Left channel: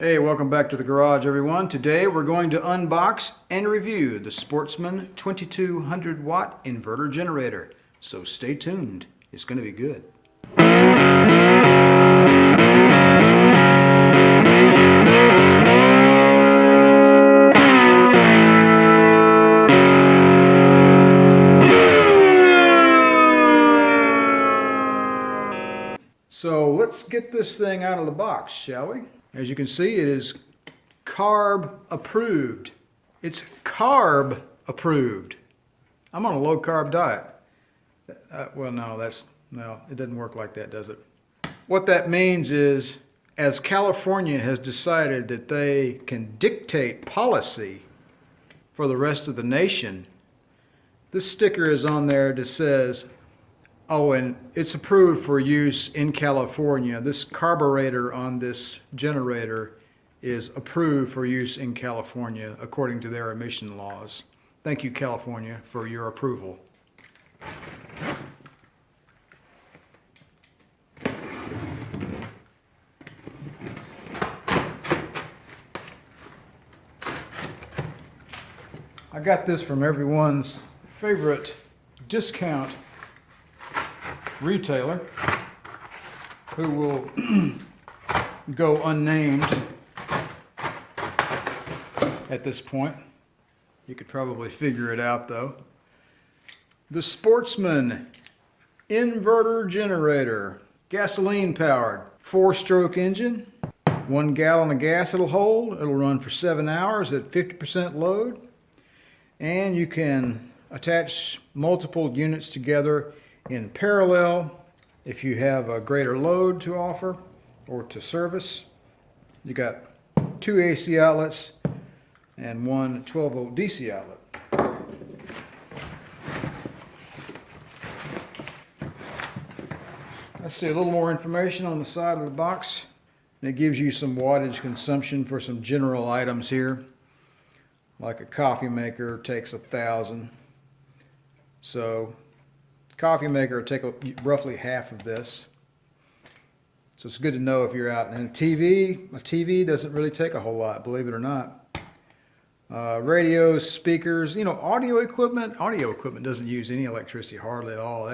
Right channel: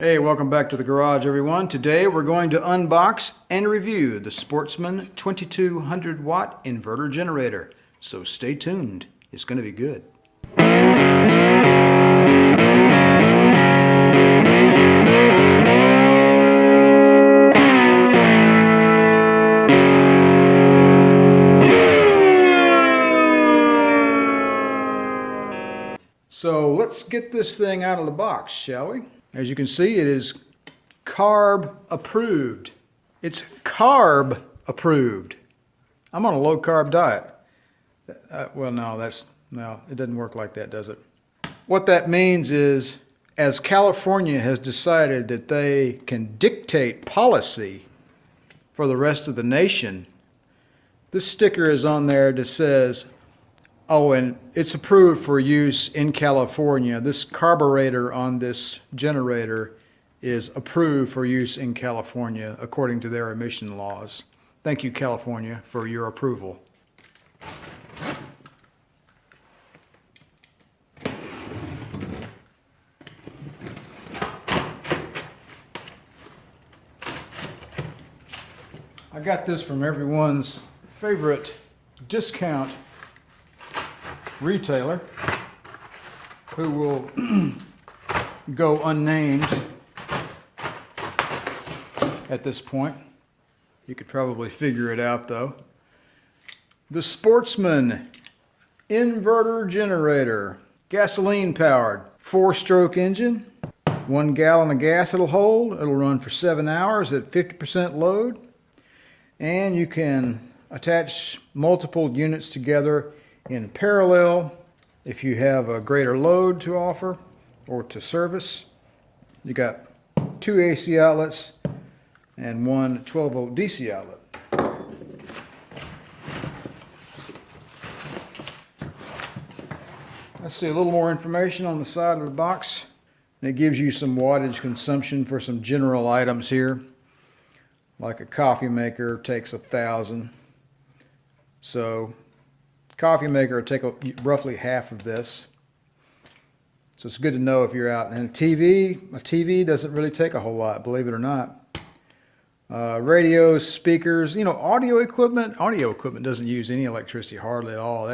Hey, welcome back to the garage, everyone. Today we're going to unbox and review the Sportsman 2200 watt inverter generator. So stay tuned. It's going to be good. So let's get this thing out of the box, shall we? As you can see, it is carb approved. It's carb approved. I'm on a low carb diet. Well, no, it doesn't work like that, does it? What that means is, as California has decided that they can dictate policy for the rest of the nation, this sticker is on there that says, oh, and it's approved for use in California. This carburetor on this generator is approved for use in California according to their emission laws. Thank you, California, for your approval. I got this from everyone's favorite discount retailer who will go unnamed at this point. You could probably figure it out though. The Sportsman inverter generator, gasoline powered, 4-stroke engine, 1 gallon of gas it'll hold. It'll run for 7 hours at 50% load, and you can attach multiple units together in parallel if you have a greater load to offer or to service. You got 2 AC outlets and 1 12-volt DC outlet. Let's see a little more information on the side of the box. It gives you some wattage consumption for some general items here. Like a coffee maker takes 1,000. So coffee maker will take roughly half of this. So it's good to know if you're out. And a TV doesn't really take a whole lot, believe it or not. Radios, speakers, audio equipment doesn't use any electricity hardly at all.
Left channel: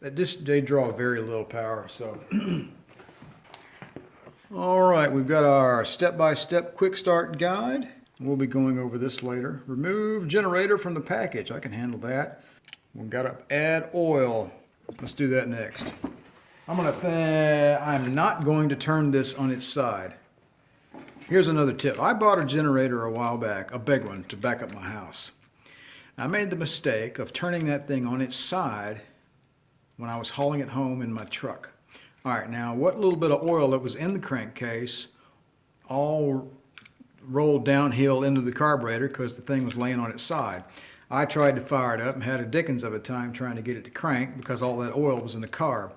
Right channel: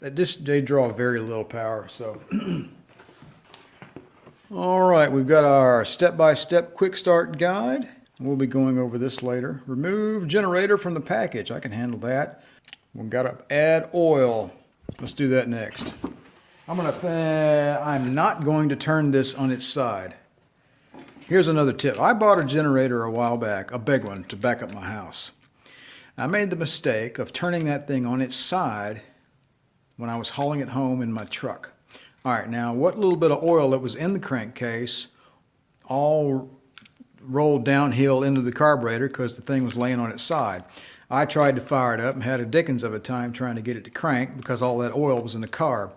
They draw very little power. So, all right, we've got our step-by-step quick start guide. We'll be going over this later. Remove generator from the package. I can handle that. We've got to add oil. Let's do that next. I'm not going to turn this on its side. Here's another tip. I bought a generator a while back, a big one, to back up my house. I made the mistake of turning that thing on its side when I was hauling it home in my truck. All right, now what little bit of oil that was in the crankcase all rolled downhill into the carburetor because the thing was laying on its side. I tried to fire it up and had a dickens of a time trying to get it to crank because all that oil was in the carb.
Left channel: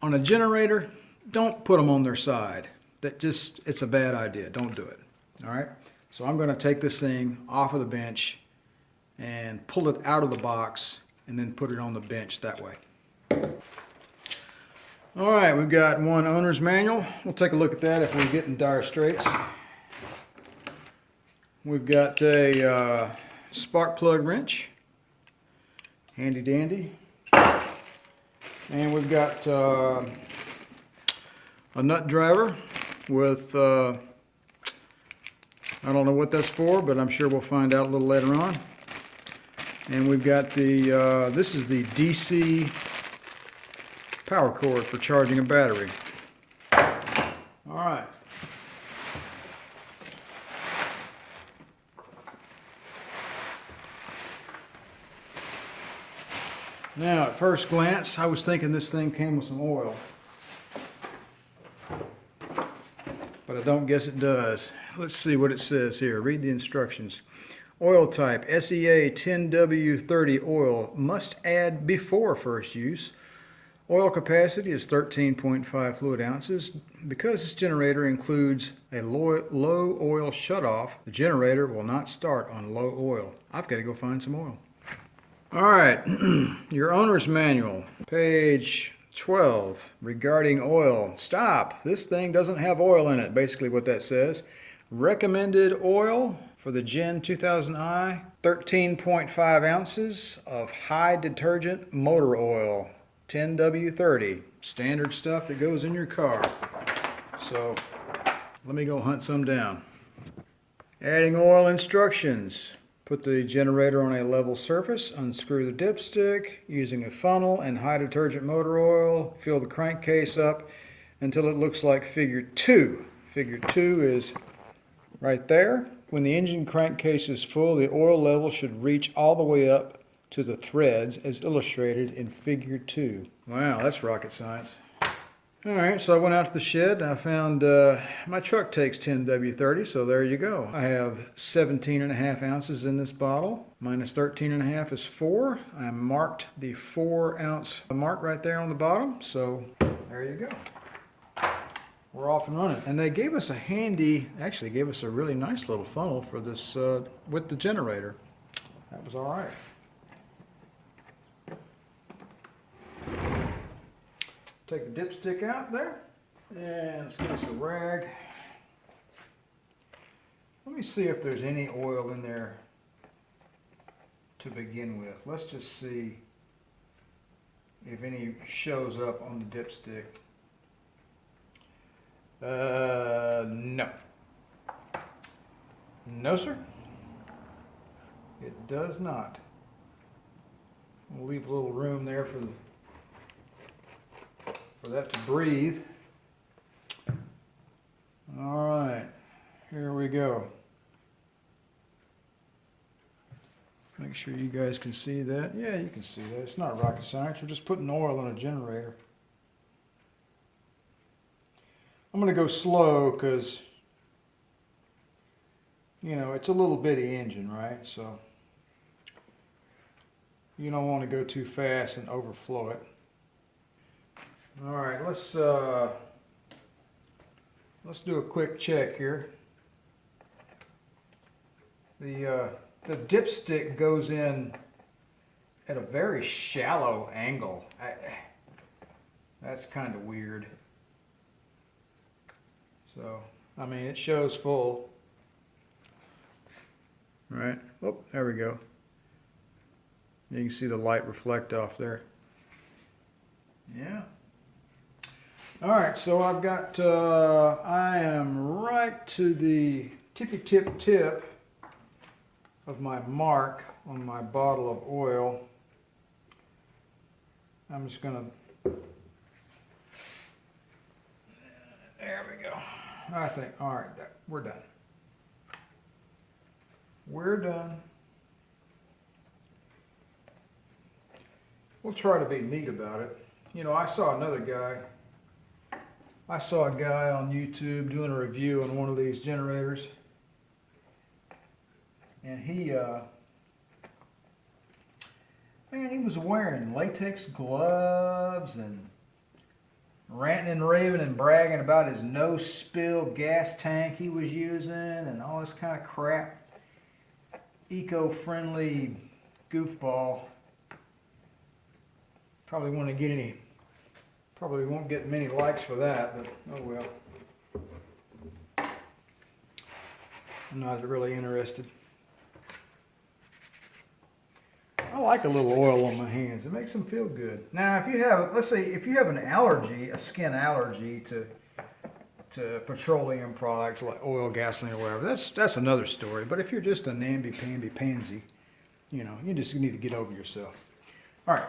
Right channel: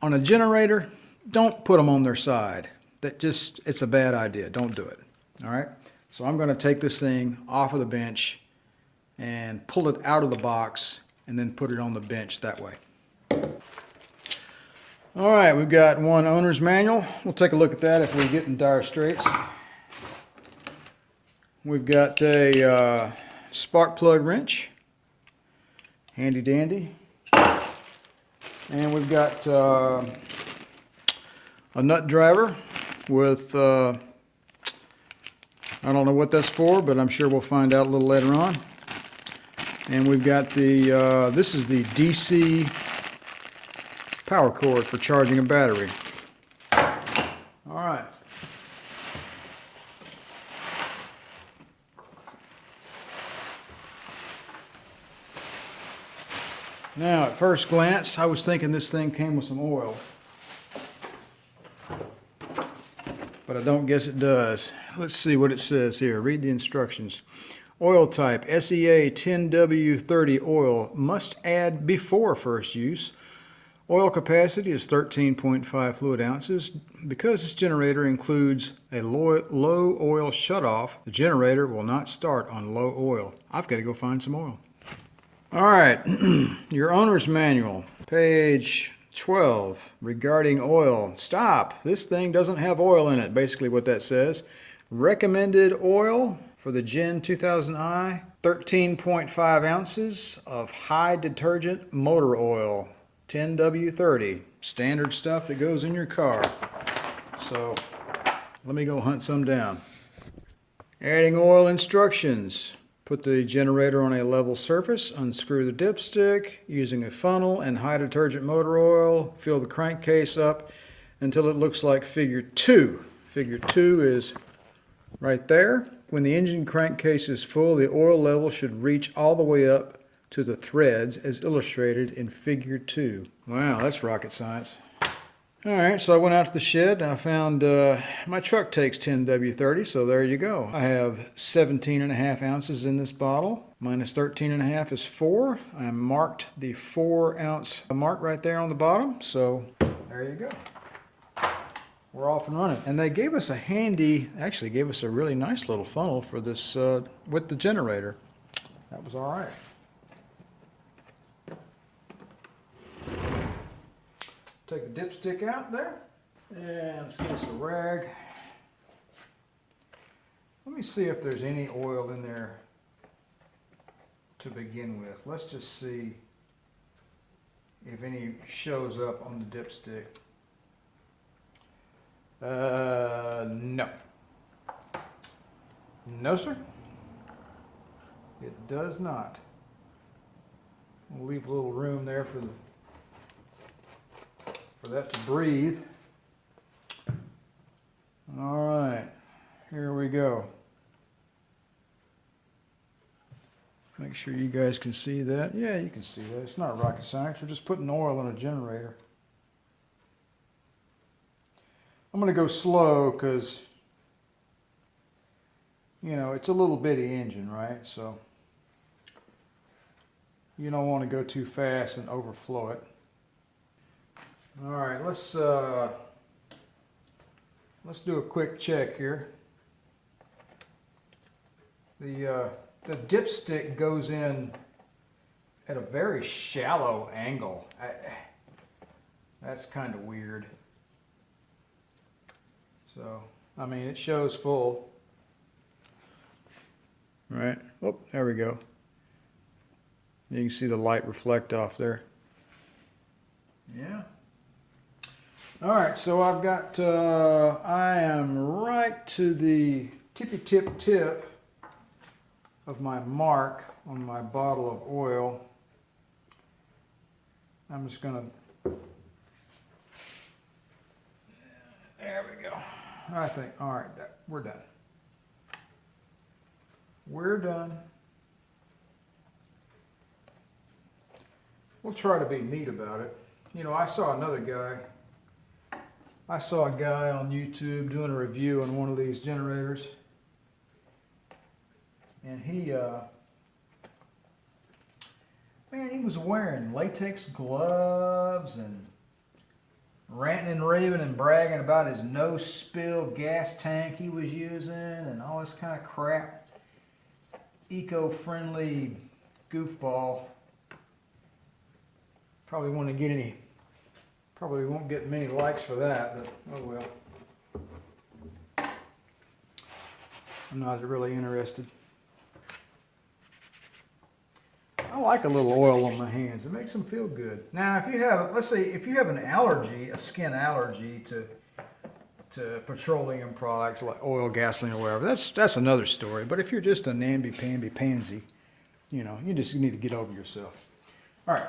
On a generator, don't put them on their side. It's a bad idea. Don't do it. All right? So I'm going to take this thing off of the bench and pull it out of the box and then put it on the bench that way. All right, we've got one owner's manual. We'll take a look at that if we get in dire straits. We've got a spark plug wrench, handy dandy, and we've got a nut driver with I don't know what that's for, but I'm sure we'll find out a little later on. And we've got this is the DC power cord for charging a battery. All right. Now, at first glance, I was thinking this thing came with some oil, but I don't guess it does. Let's see what it says here. Read the instructions. Oil type, SEA 10W30 oil, must add before first use. Oil capacity is 13.5 fluid ounces. Because this generator includes a low oil shutoff, the generator will not start on low oil. I've got to go find some oil. All right, your owner's manual, page 12, regarding oil. Stop. This thing doesn't have oil in it, basically what that says. Recommended oil for the Gen 2000i, 13.5 ounces of high detergent motor oil, 10W30. Standard stuff that goes in your car. So let me go hunt some down. Adding oil instructions. Put the generator on a level surface, unscrew the dipstick using a funnel and high detergent motor oil. Fill the crankcase up until it looks like figure 2. Figure 2 is right there. When the engine crankcase is full, the oil level should reach all the way up to the threads as illustrated in figure 2. Wow, that's rocket science. Alright, so I went out to the shed and I found my truck takes 10W30, so there you go. I have 17.5 ounces in this bottle. Minus 13.5 is 4. I marked the 4 ounce mark right there on the bottom, so there you go. We're off and running. And they gave us a handy, actually gave us a really nice little funnel for this with the generator. That was alright. Take the dipstick out there, and let's get us a rag. Let me see if there's any oil in there to begin with. Let's just see if any shows up on the dipstick. No. No, sir. It does not. We'll leave a little room there for that to breathe. All right, here we go. Make sure you guys can see that. Yeah, you can see that. It's not rocket science. We're just putting oil on a generator. I'm going to go slow because, you know, it's a little bitty engine, right? So you don't want to go too fast and overflow it. All right, let's do a quick check here. The dipstick goes in at a very shallow angle. That's kind of weird. So, I mean, it shows full. All right. Oh, there we go. You can see the light reflect off there. Yeah. All right, so I've got, I am right to the tippy tip of my mark on my bottle of oil. I'm just going to, there we go. I think, all right, we're done. We're done. We'll try to be neat about it. You know, I saw a guy on YouTube doing a review on one of these generators, and he was wearing latex gloves and ranting and raving and bragging about his no spill gas tank he was using and all this kind of crap. Eco-friendly goofball. Probably won't get many likes for that, but oh well. I'm not really interested. I like a little oil on my hands. It makes them feel good. Now, if you have, let's say, if you have an allergy, a skin allergy to petroleum products like oil, gasoline, or whatever, that's another story. But if you're just a namby-pamby pansy, you know, you just need to get over yourself. All right.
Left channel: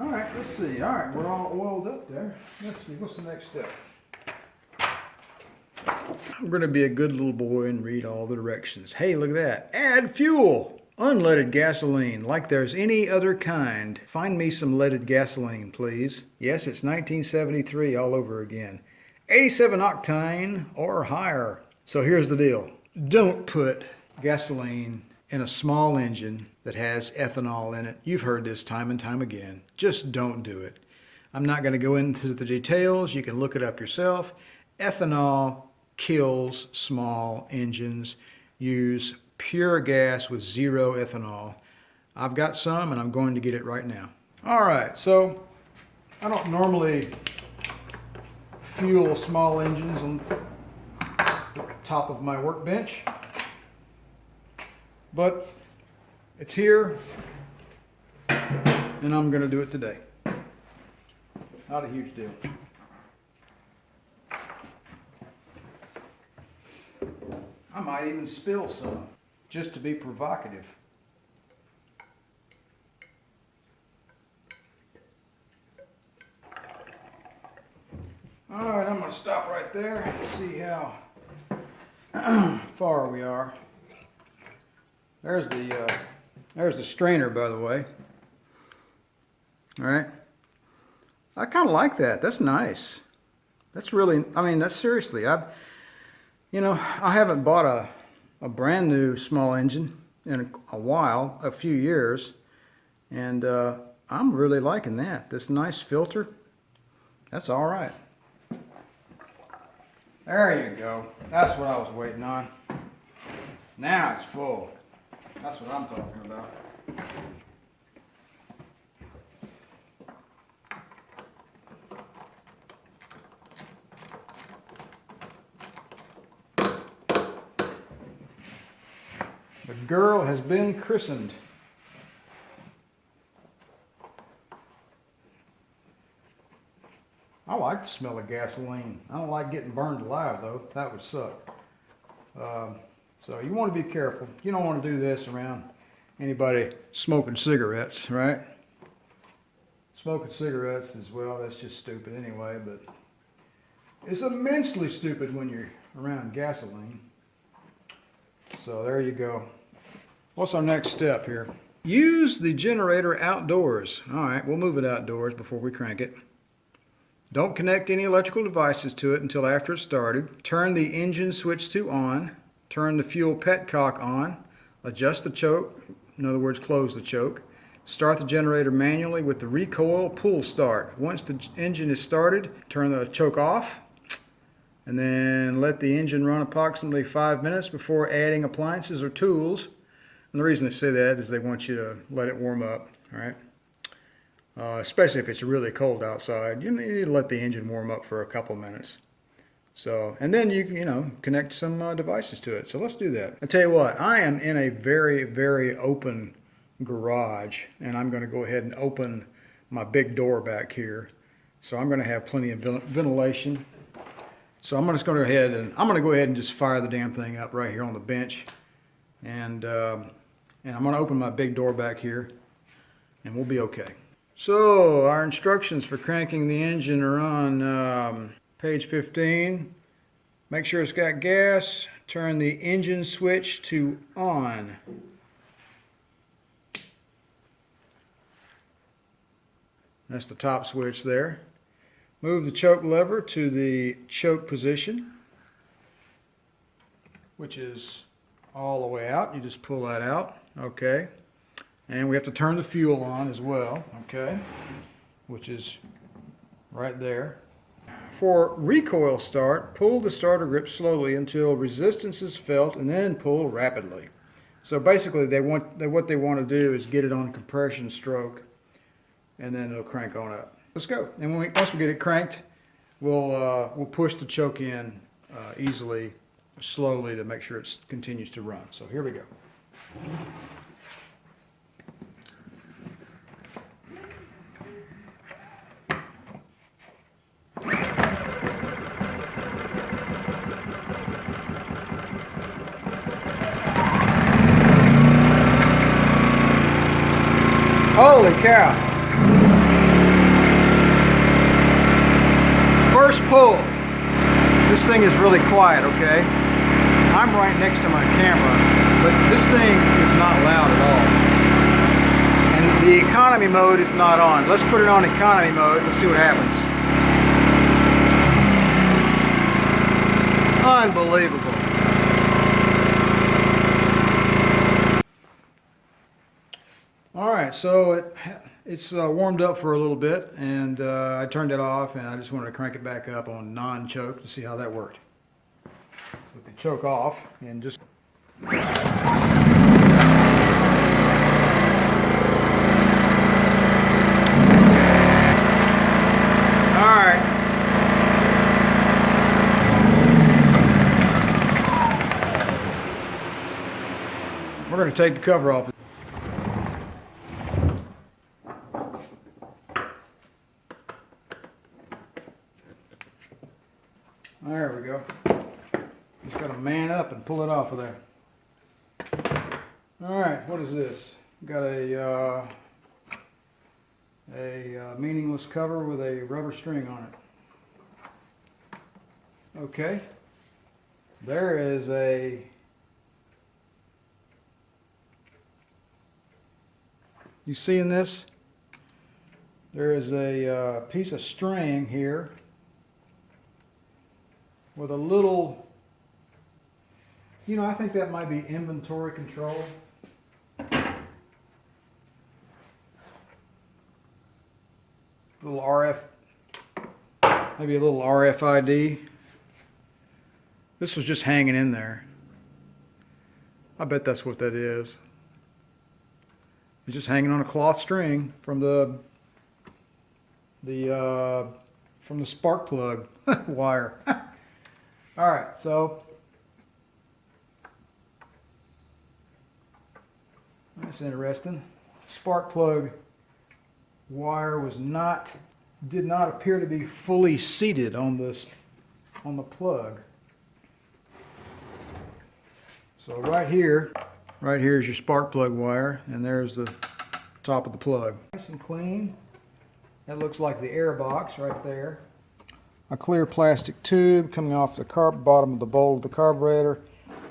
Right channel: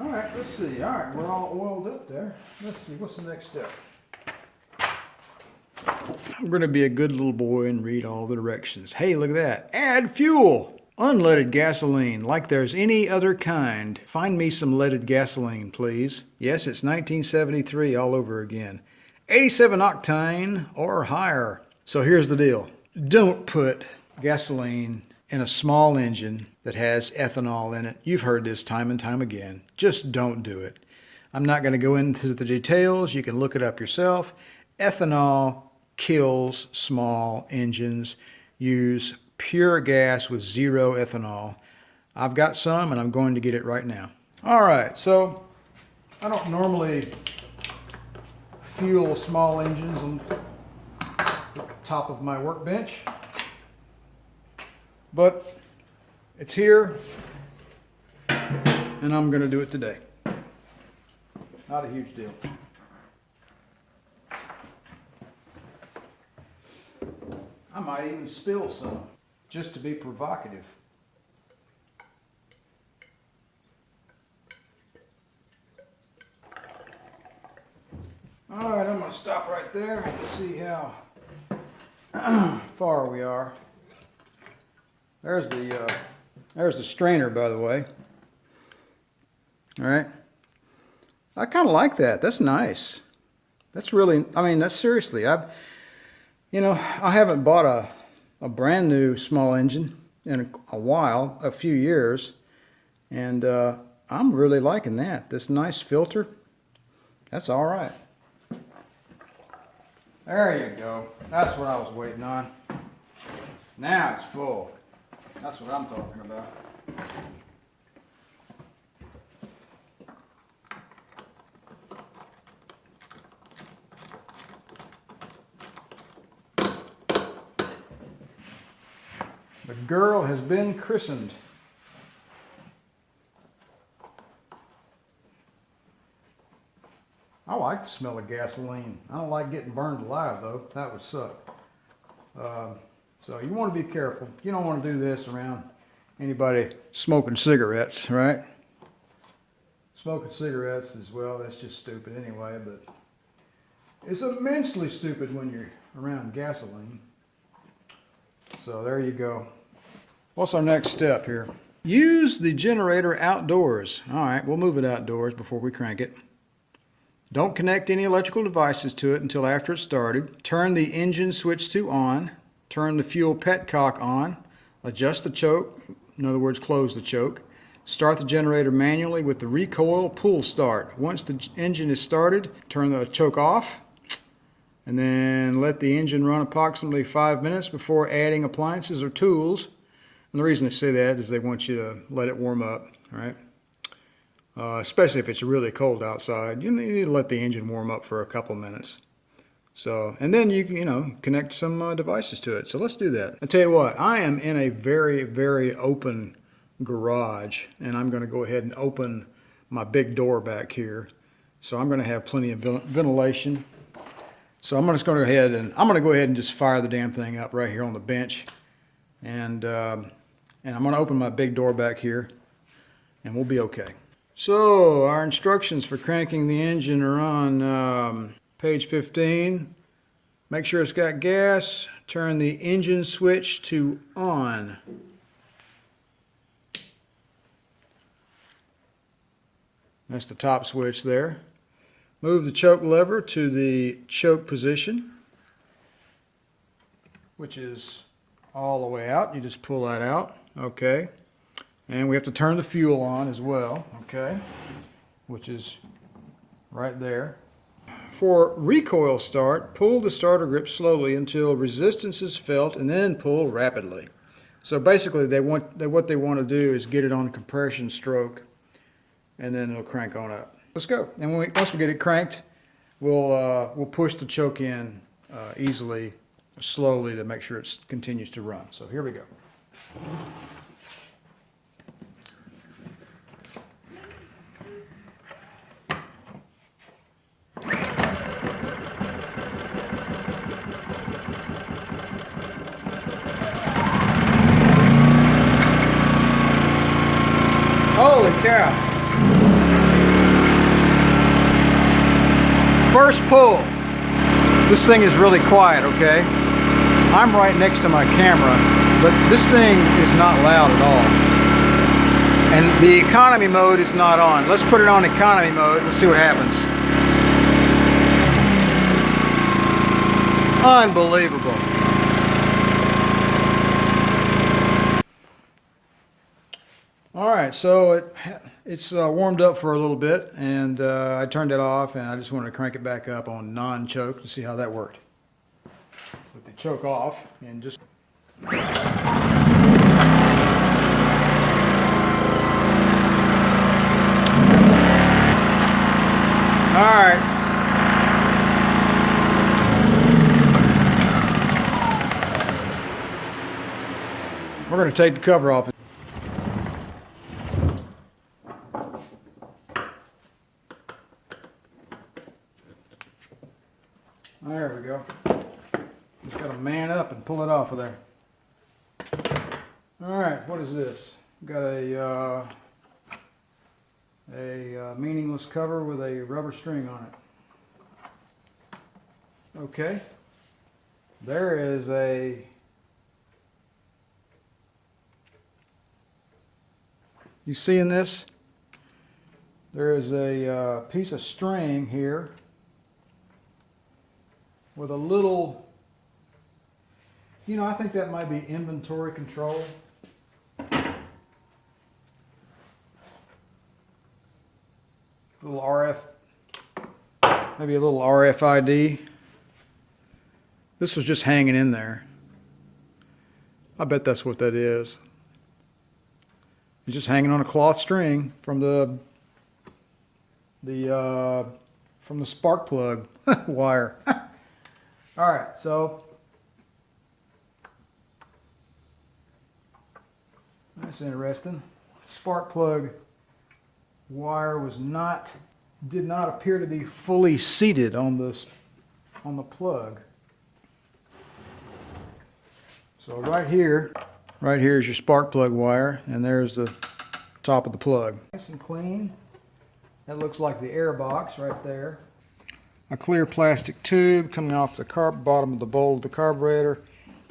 All right, let's see. All right, we're all oiled up there. Let's see, what's the next step? I'm going to be a good little boy and read all the directions. Hey, look at that. Add fuel. Unleaded gasoline, like there's any other kind. Find me some leaded gasoline, please. Yes, it's 1973 all over again. 87 octane or higher. So here's the deal. Don't put gasoline in a small engine that has ethanol in it. You've heard this time and time again. Just don't do it. I'm not going to go into the details. You can look it up yourself. Ethanol kills small engines. Use pure gas with zero ethanol. I've got some and I'm going to get it right now. All right, so I don't normally fuel small engines on the top of my workbench, but it's here and I'm going to do it today. Not a huge deal. I might even spill some just to be provocative. All right, I'm going to stop right there and see how far we are. There's the strainer, by the way. All right. I kind of like that. That's nice. That's really, I mean, that's seriously. I haven't bought a brand new small engine in a while, a few years, and I'm really liking that. This nice filter, that's all right. There you go. That's what I was waiting on. Now it's full. That's what I'm talking about. The girl has been christened. I like the smell of gasoline. I don't like getting burned alive, though. That would suck. So you want to be careful. You don't want to do this around anybody smoking cigarettes, right? Smoking cigarettes as well, that's just stupid anyway, but it's immensely stupid when you're around gasoline. So there you go. What's our next step here? Use the generator outdoors. All right, we'll move it outdoors before we crank it. Don't connect any electrical devices to it until after it's started. Turn the engine switch to on. Turn the fuel petcock on. Adjust the choke. In other words, close the choke. Start the generator manually with the recoil pull start. Once the engine is started, turn the choke off. And then let the engine run approximately 5 minutes before adding appliances or tools. And the reason they say that is they want you to let it warm up, right? Especially if it's really cold outside. You need to let the engine warm up for a couple minutes. So, and then you can, connect some devices to it. So let's do that. I'll tell you what, I am in a very, very open garage, and I'm going to go ahead and open my big door back here. So I'm going to have plenty of ventilation. So I'm just going to go ahead and just fire the damn thing up right here on the bench, and I'm going to open my big door back here, and we'll be okay. So our instructions for cranking the engine are on page 15. Make sure it's got gas. Turn the engine switch to on. That's the top switch there. Move the choke lever to the choke position, which is all the way out. You just pull that out, okay. And we have to turn the fuel on as well, okay, which is right there. For recoil start, pull the starter grip slowly until resistance is felt and then pull rapidly. So basically what they want to do is get it on compression stroke, and then it'll crank on up. Let's go. And once we get it cranked, we'll push the choke in easily, slowly, to make sure it continues to run. So here we go. Holy cow. First pull. This thing is really quiet, okay? I'm right next to my camera, but this thing is not loud at all. And the economy mode is not on. Let's put it on economy mode and see what happens. Unbelievable. All right, so it's warmed up for a little bit, and I turned it off, and I just want to crank it back up on non-choke to see how that worked. With the choke off, and just... going to take the cover off. There we go. Just got to man up and pull it off of there. Alright, what is this? We've got a meaningless cover with a rubber string on it. Okay. There is a you seeing this? There is a piece of string here with a little, you know, I think that might be inventory control. Little RF, maybe a little RFID. This was just hanging in there. I bet that's what that is. It's just hanging on a cloth string from the spark plug wire. All right, so that's interesting. Spark plug wire did not appear to be fully seated on the plug. So right here is your spark plug wire, and there's the top of the plug. Nice and clean. That looks like the air box right there. A clear plastic tube coming off the bottom of the bowl of the carburetor,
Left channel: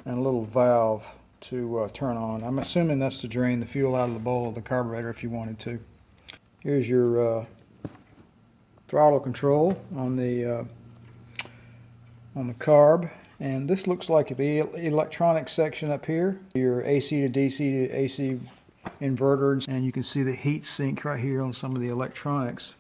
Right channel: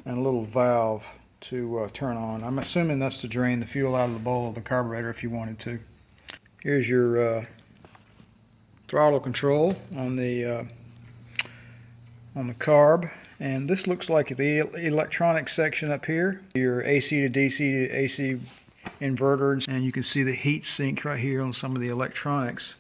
and a little valve to turn on. I'm assuming that's to drain the fuel out of the bowl of the carburetor if you wanted to. Here's your throttle control on the carb, and this looks like the electronic section up here. Your AC to DC to AC inverter, and you can see the heat sink right here on some of the electronics.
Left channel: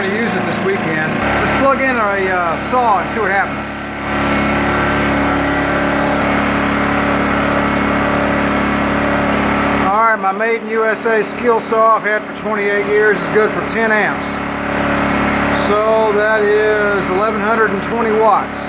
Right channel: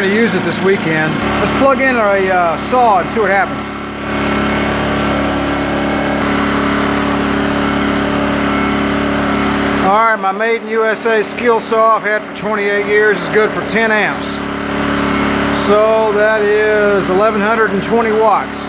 Use it this weekend. Let's plug in a saw and see what happens. Alright, my made in USA Skilsaw I've had for 28 years is good for 10 amps. So that is 1120 watts.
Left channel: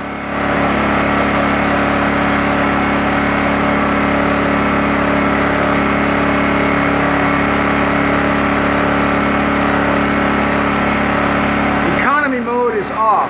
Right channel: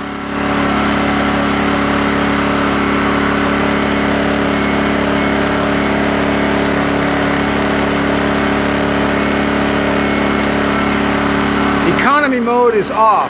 Mode is off.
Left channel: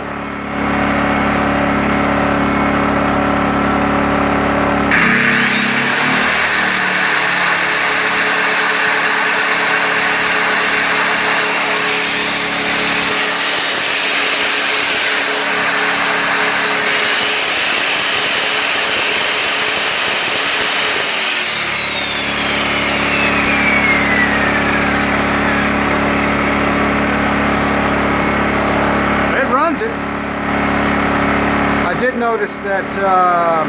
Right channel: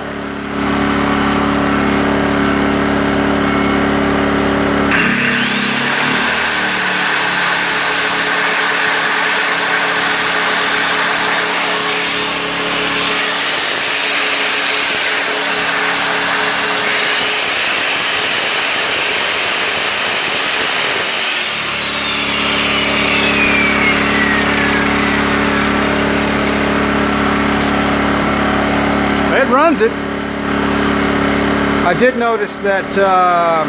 It. I did notice that the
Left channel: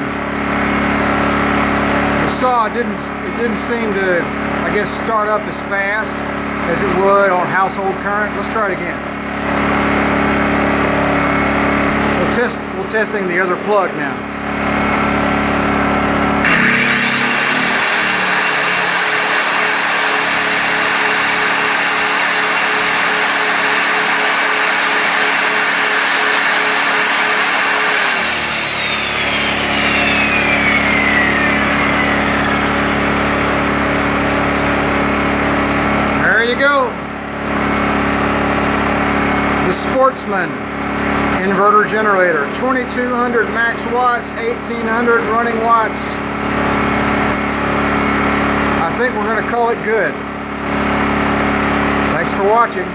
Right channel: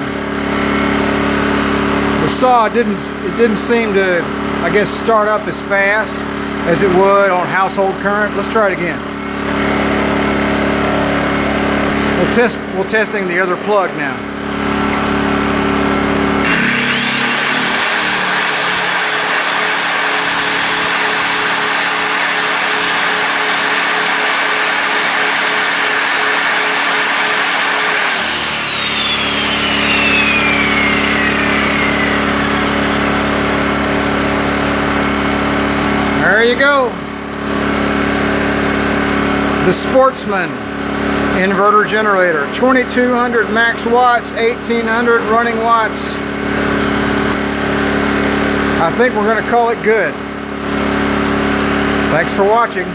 saw didn't seem to, I guess, start up as fast as it would on household current. Let's try it again. We're testing the other plug now. The Sportsman inverter generator, 2200 max watts, 1800 running watts. I think we're going to call it good. Thanks for watching.